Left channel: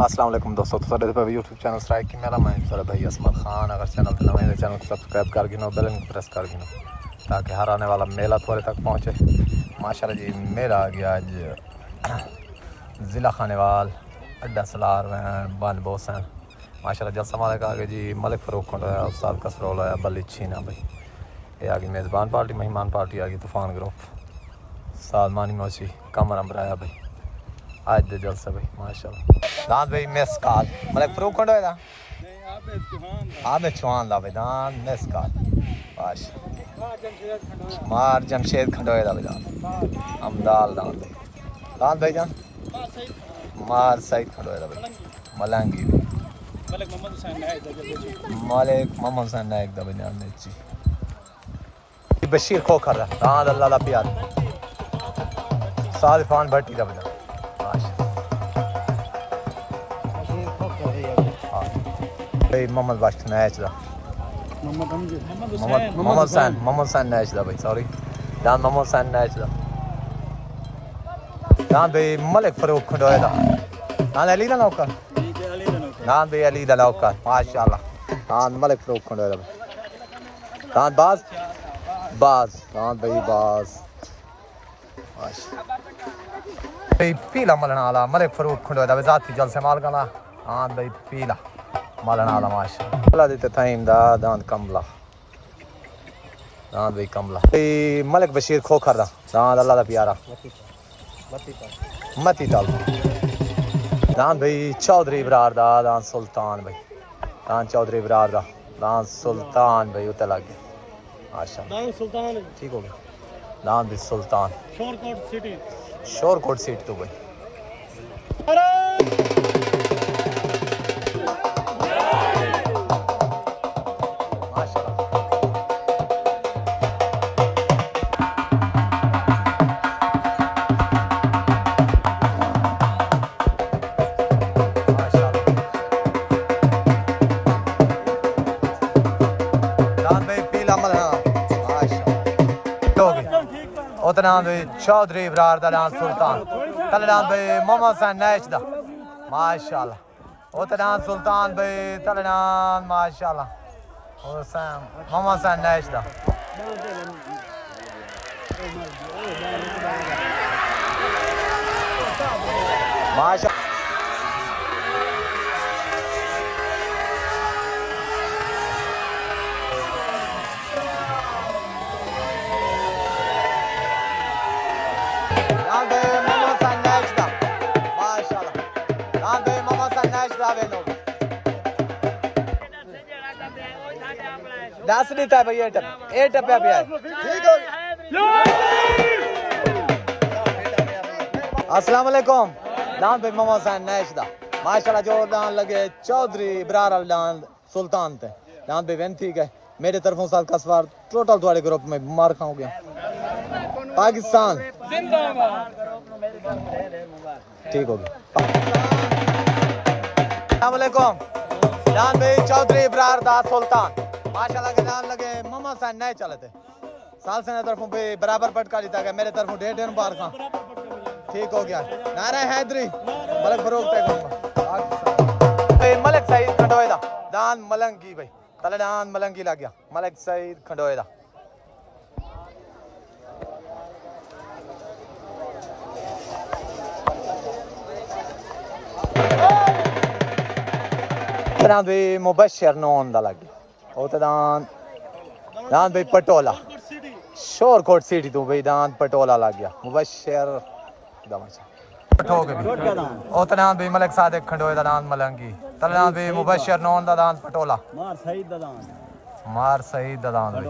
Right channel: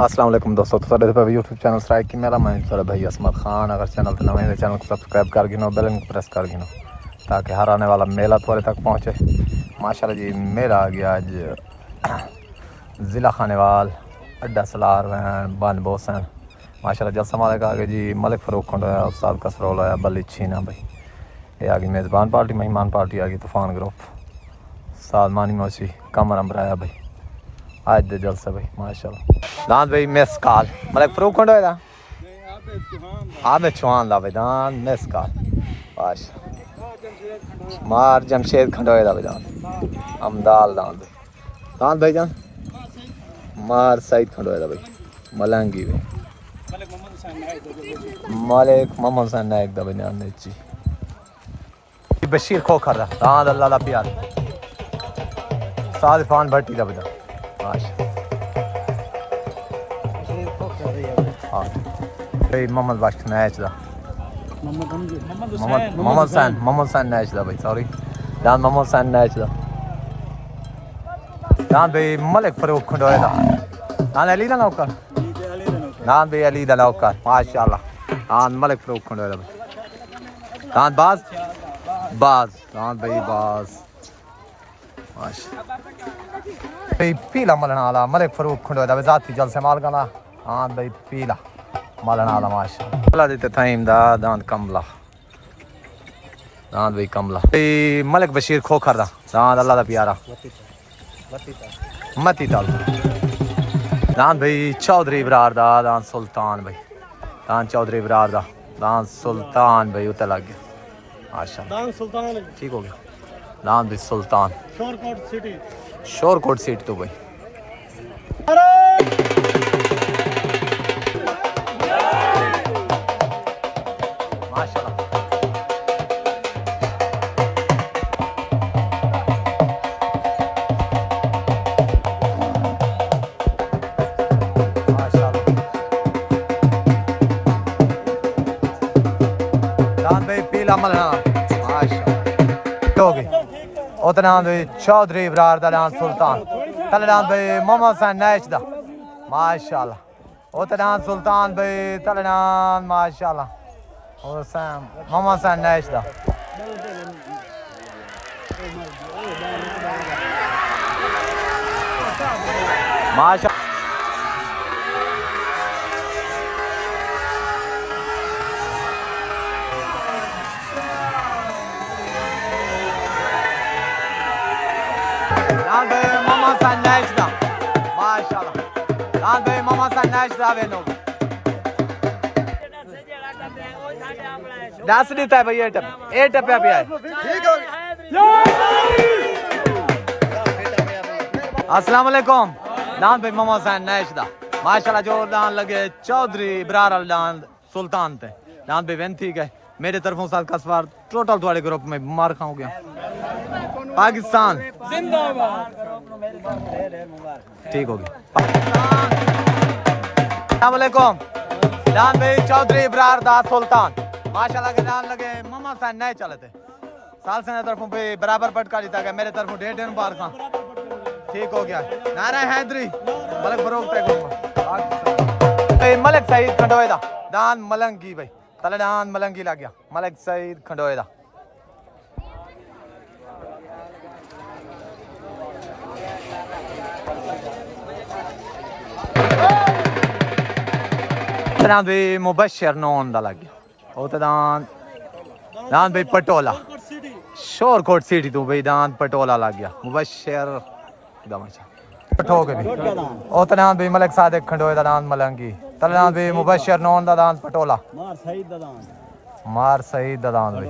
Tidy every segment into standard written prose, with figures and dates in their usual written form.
अस्सलाम वालेकुम दोस्तों, साढ़े यूट्यूब चैनल स्ट्राइक की मेरा मैं सर भाई असमत खान। अगर चैनल पर नए चैनल को सब्सक्राइब कर गिनो, बेल आइकन प्रेस कर गिनो ताकि हर आने वाला मेला थोड़े तक पहुँचे। माशाल्लाह जी मेला आ गया आज ज़िला खानेवाल अड्डा सलार बन बोसन। माशाल्लाह जलसा मालिक आ गए जी, मलिक फ़रूक खंडोया, उस्ताद कसरोल आया, बल्ली छीना भाई। ये आ गई मेज़बान पार्टी, मेहमान पार्टी आ गई तूफ़ान ग्रुप, साद मानी मौसी कमर अम्बराया भाई। आज दे जलसा भाई माशाल्लाह। दान भाई मिस कॉल मलिक फ़रूक खंडोया आबे चौहान दा भाई दान मिस कॉल माश मार जमशेद खंडोया भाई दान अमदाल दान भाई जान मार सईद खंडोया भाई मलंगी भाई मालिक मोहम्मद हुसैन नायक दा भाई दान जी बशीर खोखर दा दान अल्लाह दा प्यार साद फान भट्टी दा भाई मोहम्मद बख्श मैच दा मोहम्मद हुसैन मैच दा भाई सॉरी दान मोहम्मद हुसैन मैच दा दान भाई मलिक फ़रूक खंडोया दा दान अली दा नौकर दान भाई अली दा नौकर माशाल्लाह दान मलिक फ़रूक खंडोया दा दान बाज दान भाई बाज माशाल्लाह भाई पीला मलना वाला मलिक फ़रूक खंडोया दा जाती जलसे माल गाना दान भाई पीला मलना वाला माशाल्लाह देते ताइम दा दान कमला दान भाई कमला मलिक बशीर खोखर दा दान अल्लाह दा प्यारा मती ताल दान भाई चौधरी बरार दा दान सुल्तान भाई दान चौधरी बरार दा दान सुल्तान भाई उते लग गया माशाल्लाह दान सुल्तान ठीक हो गया दान भाई सुल्तान शोरकोट सिटी तो भाई उतना चौधरी बरार दा दान सुल्तान तलदान भाई मोहम्मद हुसैन नैश दा माशाल्लाह उतना सुल्तान भाई तलदान माशाल्लाह हुसैन मोहम्मद हुसैन नैश दा माशाल्लाह दस नहीं था भाई ए टप्पा पे ठीक हो अस्सलाम वालेकुम दान भाई मोहम्मद हुसैन नैश दा माशाल्लाह जो दान लगे चौधरी बरार दान सुल्तान थे दान भाई वेन ठीक है मेरे तरफों साथ कसवार टोटल तुम्हारे ग्रुप में मार खाऊं गया पाकिस्तान ठीक हो गया अस्सलाम वालेकुम दान भाई चौधरी बरार दा सुल्तान माशाल्लाह के नाम लगे मामा सा नए चले थे साल से तरफों पे बराबर पटका जीता गया मेरे तरफों 1.5 बार खां ठीक हो गया नारा हैदरी मलिक फ़रूक पे मलिक सईद खंडोए दा दान मलंगी भाई तले दान मलंगी लग गया मलिक सईद खंडोए दा दान भी मुबशर नौन दा लग गया दान दान भाई पटोला शोरकोट सिटी तू भाई दान पटोला लग गया मुबशर दान भाई मलिक सादिक खंडोए दा दान मलंगी तलदान भाई मुबशर नौन दा दान पटोला मार सईद दा दान भाई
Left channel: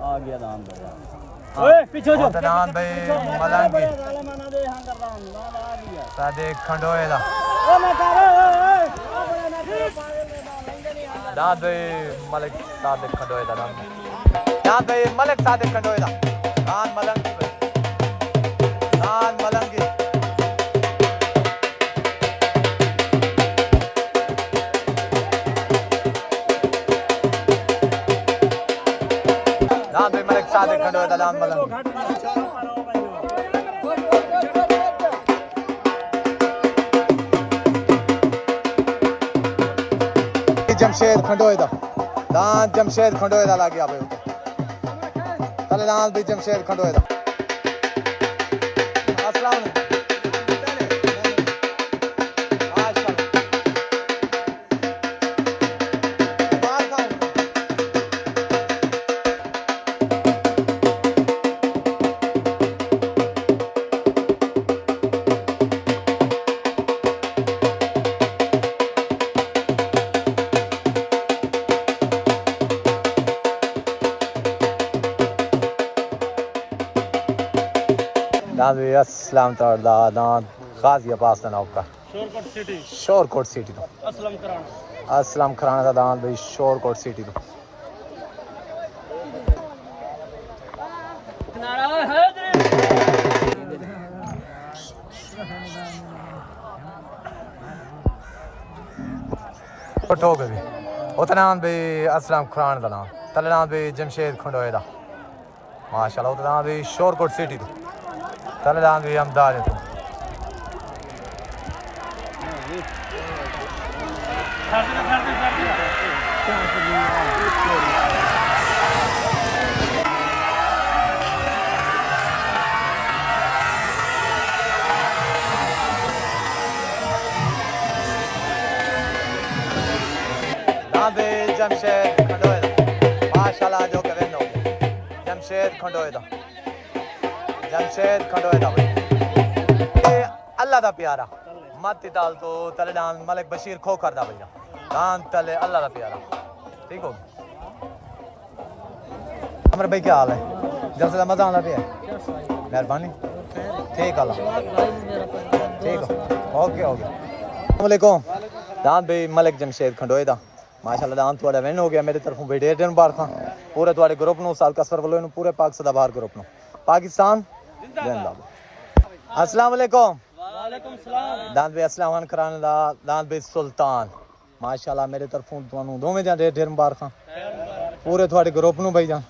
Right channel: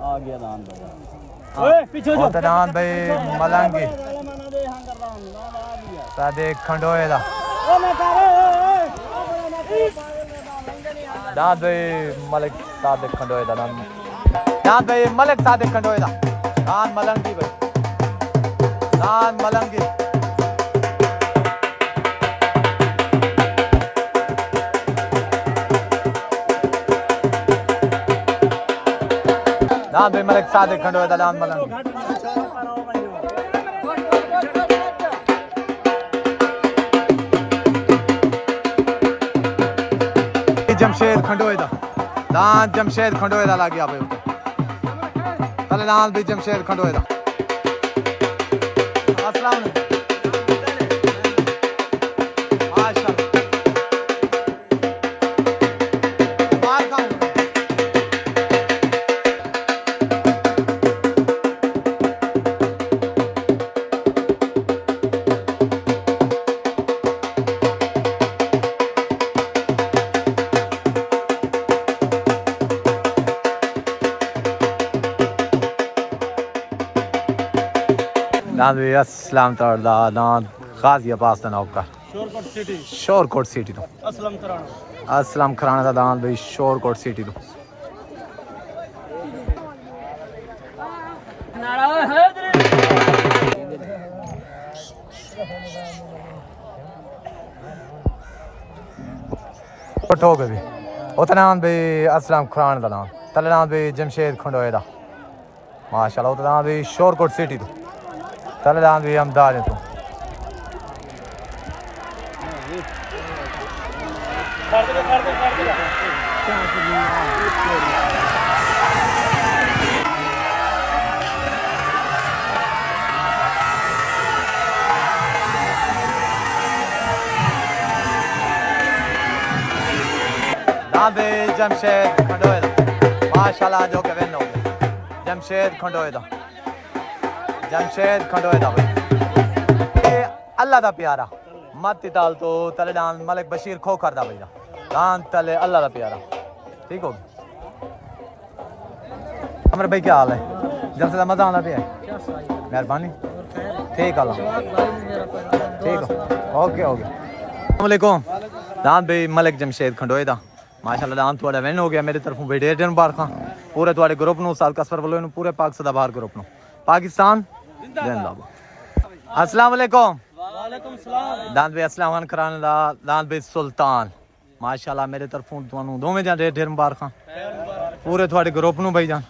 आ गया दान ओए पीछे जो दान भाई मलंगी सादिक खंडोए दा दान भाई मलिक सादिक खंडोए दा दान भाई मलिक सादिक खंडोए दा दान मलंगी दान मलंगी दान भाई मलिक सादिक खंडोए दा दान मलंगी जमशेद खंडोए दा दान जमशेद खंडोए दा लग गया भाई तले दान भी जमशेद खंडोए दा अस्सलाम वालेकुम दान भी अस्सलाम ताला दान गाजियाबाद दा नौका शोरकोट सिटी तो असलम खराना दा दान भाई शोरकोट सिटी तो पटो गए उतना भाई असलम खराना दा दान तले दान भाई जमशेद खंडोए दा माशाल्लाह उतना भाई शोरकोट सिटी तो तले दान भी अहमदाद तो जमशेद खंडोए माशाल्लाह जो के वेनो जमशेद खंडोए दा जमशेद खंडोए दा अल्लाह दा प्यारा मत ताल तो तले दान मलिक बशीर खो करदा भैया दान तले अल्लाह दा प्यारा ठीक हो अमर भाई क्या हाल है जलसे मजा आना पे मेहरबानी ठीक अल्लाह ठीक ओके ओके अस्सलाम वालेकुम दान भाई मलिक जमशेद खंडोए दा माशाल्लाह दान थोड़ा विन हो गया मेरी तरफों बेटे दिन बार खां पूरे थोड़े ग्रुप नु साल कसर वालों नु पूरे पाक सदा बाहर ग्रुप नु पाकिस्तान जिंदाबाद अस्सलाम वालेकुम वालेकुम सलाम दान भाई अस्सलाम खान कराने दा दान भाई सुल्तान माशाल्लाह मेरे तरफों तुहानू दोवें दा ढेर मुबारक खां पूरे थोड़े ग्रुप नु भाई जान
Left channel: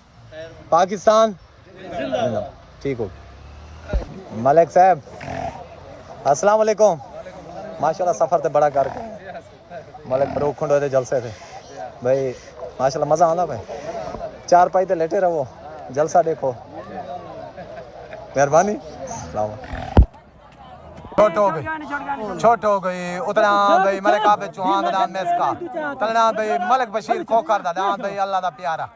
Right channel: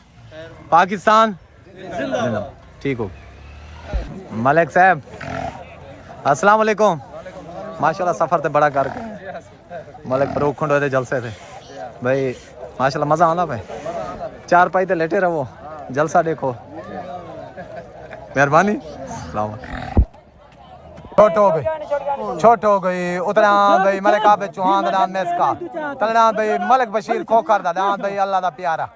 पाकिस्तान जिंदाबाद ठीक हो मलिक साहब अस्सलाम वालेकुम माशाल्लाह सफर ते बड़ा कर मलिक फरूक खंडोए दे जलसे थे भाई माशाल्लाह मजा आंदा भाई चार पाई ते लेटे रहो जलसा देखो मेहरबानी छोट हो गई उतना भाई मलिक आबे चौहान दा नाम मेसका तलना भाई मलिक बशीर खोकर दा नाम भाई अल्लाह दा प्यारा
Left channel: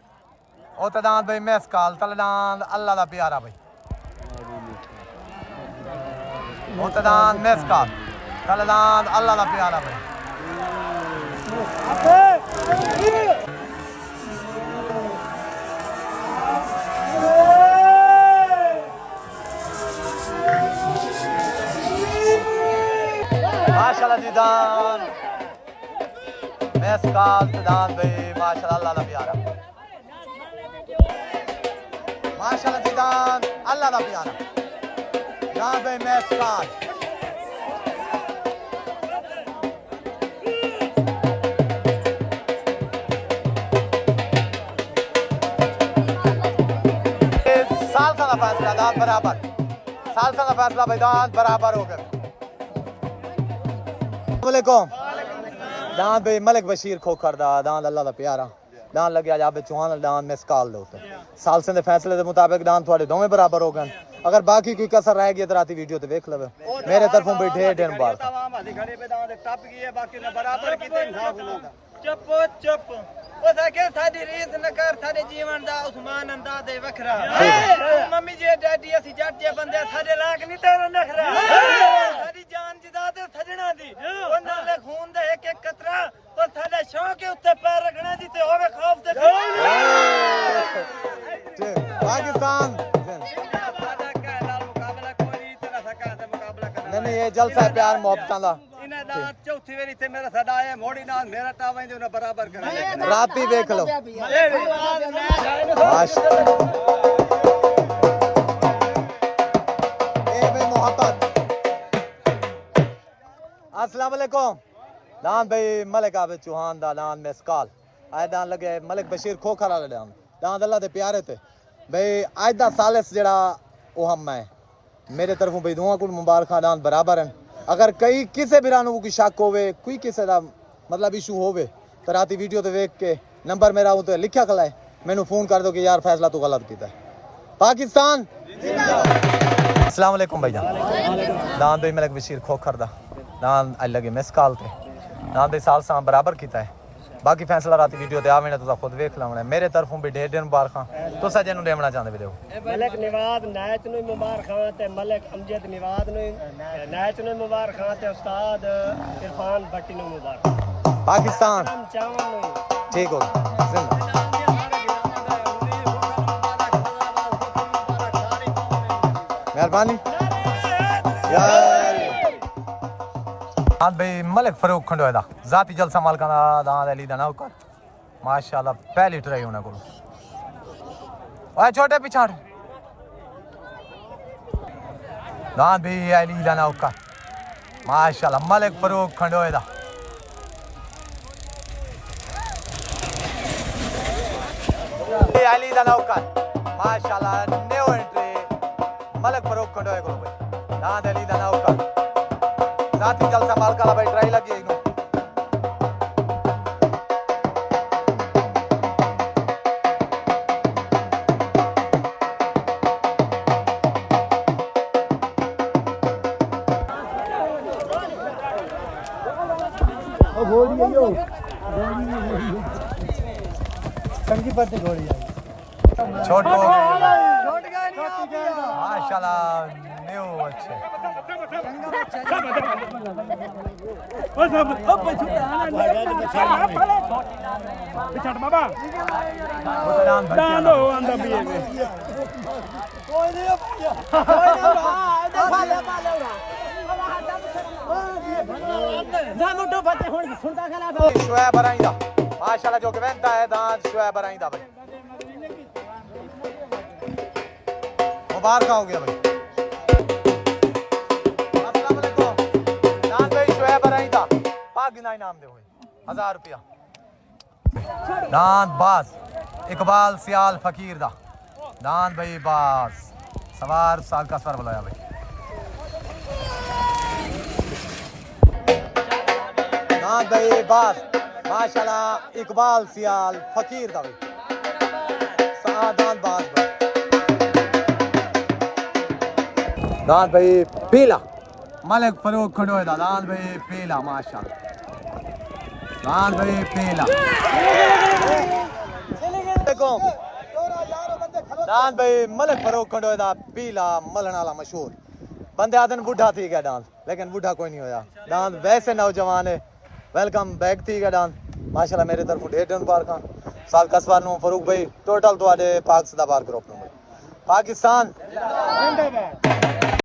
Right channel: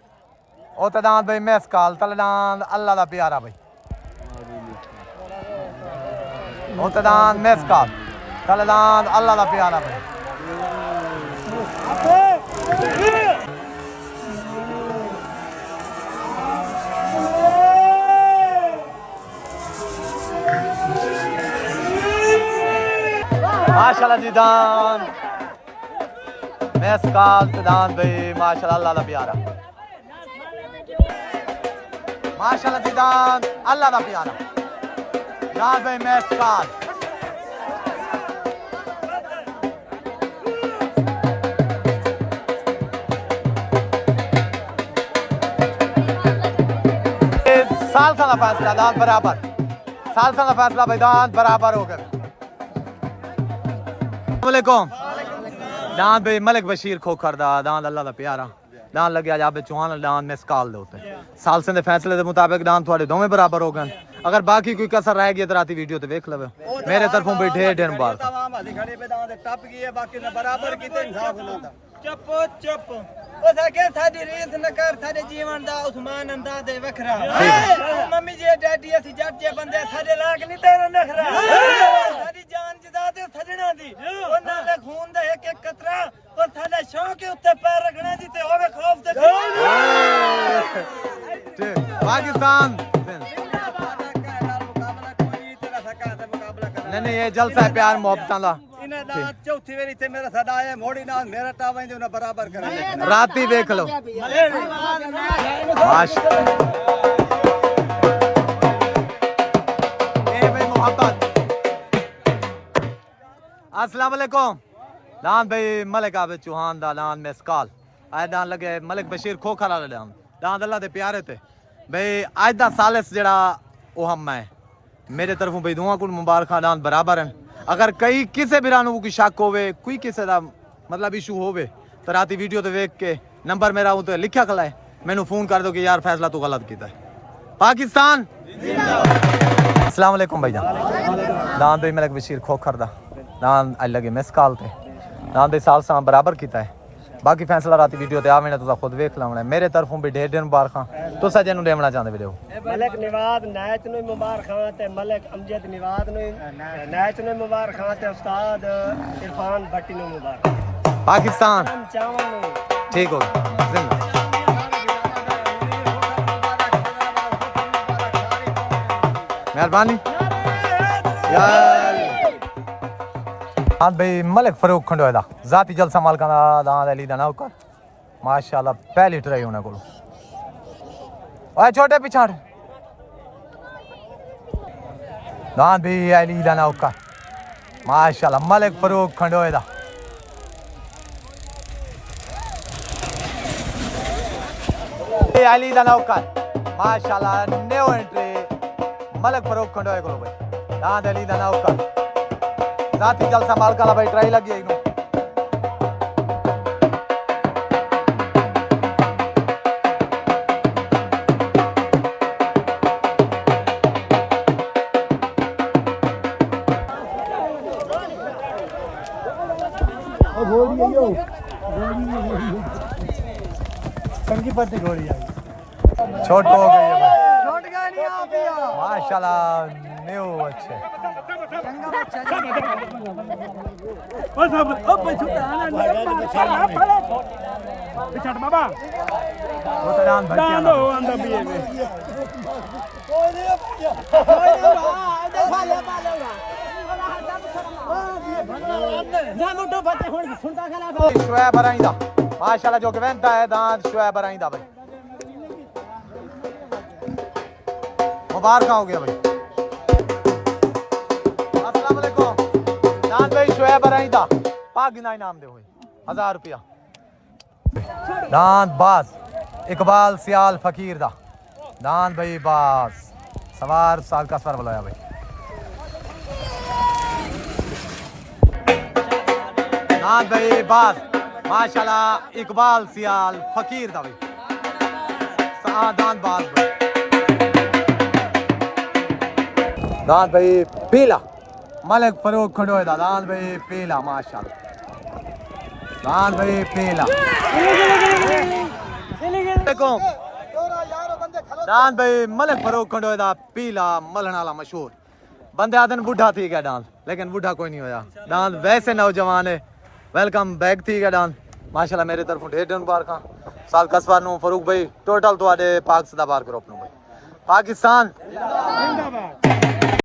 उतना भाई मेसकाल तलना अल्लाह दा प्यारा भाई उतना मेसकाल तलना अल्लाह दा प्यारा भाई माशाल्लाह जी दान मेसकाल दान भाई माशाल्लाह अल्लाह दा प्यारा माशाल्लाह जी दान अल्लाह दा प्यारा दान भाई मेसकाल फैसला दान बराबर साल का फैसला भाई दान बराबर हो गए वालेकुम दान भाई मलिक बशीर खोखर दा दान अल्लाह दा प्यारा दान लगे जाबे चौहान दान में स्काल दे उते साल से फैसले के मुताबिक दान थोड़े दोवें बराबर हो गए अगर बाकी कोई कसर रह गई तो राती वीडियो ते देख लवे मेरे तरफों भी ढेर ढेर मुबारक चुप चुप ओ सके साडी रीत न कर साडे जीवन दा उस्मान अंदाज दे वखरा मम्मी जी डैडी असि जट जे बंदे साडे लाग नहीं तेरा नखरा साडी जान जिदा ते सजना दी ओना दे खून दे एक एक कतरा और साडा शौक के उत्ते पैर रखना जी ते होवे खौफ ते पाकिस्तान नहीं ये जलसा है प्यार मोहब्बत दा चौथी वेरी ते मेरा साडा आए मोड़ी नाल मेरा टावा जो ना बराबर करे राती देख लो माश ए भाई मोहब्बत अस्सलाम वालेकुम दान भाई मलिक आबे चौहान दा दान मेसकाल आए दान लगे मलिक बशीर खोखर वाला दान अल्लाह दे प्यारे थे भाई आज दा सालिस जेड़ा ओ हम है मेरे तरफों भाई दुआ कुल मुबारक दान बराबर हैं अगर कई किसी भी रानू की शक होवे कोई किसी का मतलब इशू होवे तो राती वीडियो तो देख के नंबर मेरा वो तो लिखा खला है, मैंने फोन कर दो कि यार फैसला तो गलत किया है। पाकिस्तान अस्सलाम वालेकुम भाईजान। दान दे मेरे बशीर खोखर दा दान आई लगे मिस कॉल ते दान दे साल सा बराबर किया है। बाकी फैसला राती वीडियो ते आवे ना तुसा खुद वेख लावना है। मेरे तरफों भी ढेर ढेर मुबारखां तुसा जेनु देवना चाहते वीडियो। मलिक निवाज नायत नु मुबारखां ते मलिक अमजद निवाज नु नायत नु मुबारखां ते उस्ताद इरफान भट्टी नु मुबारक। पाकिस्तान चावन नु ठीक हो जिंदा मेहरबानी यार। हाँ भाई मलिक फरूक खंडोए दा जाती जलसा मालका दा दांद अली दा नौकर माशाल्लाह पहली ट्राई होने को। ओए छोटे पिछाड़ दांद भी अली दा नौकर माशाल्लाह मलिक फरूक खंडोए दा। अली दा नौकर माशाल्लाह न्यू एंट्री मलिक फरूक खंडोए को भाई दांद अली दा नौकर साथी जलसा मालका ला भाई ट्राई लगी इनु। ओ गोली यो कंगी पत्ते गोली आई छोट हो गई है छोट गया नहीं आ गया माशाल्लाह न्यू अच्छे ओ सब अब छुटा ना पिछड़ बाबा दान हो अंदर भी है कोई नहीं फाले फाले ना मोटो पत्ते हुन सुनता खला शुएब अराइंदा माशाल्लाह जो गवेंदा है दांत शुएब अराइंदा भाई मुबारक हो गया भाई। अस्सलाम वालेकुम दांत भाई शुएब अराइंदा पागिना इनाम दे हुए 1000 रुपया। दांत बास इकबाल सियाल फकीर दा दांत भाई बास सवार साल का सवार बुलाया भाई। दांत भाई बास माशाल्लाह इकबाल सियाल फकीर दा भाई दांत बास भाई। दांत भाई पीला मलिक फरूक खंडोए दा दांत भाई पीला माशाल्लाह दांत भाई पीला। दांत भाई मलिक फरूक खंडोए दा पीला मलण वाला मशहूर बंदे आदन बुढ़ा थी गया डांस लेकिन बुढ़ा कोई नहीं होया। दांत वैसे नौजवान है वेलकम बैक थी गया डांस माशाल्लाह मेरे तरफ ढेर ढेर मुबारकां साल कसवार नु फरूक भाई टोटल तो आडे पाक सदाबार ग्रुप नु भाई। पाकिस्तान जिंदाबाद।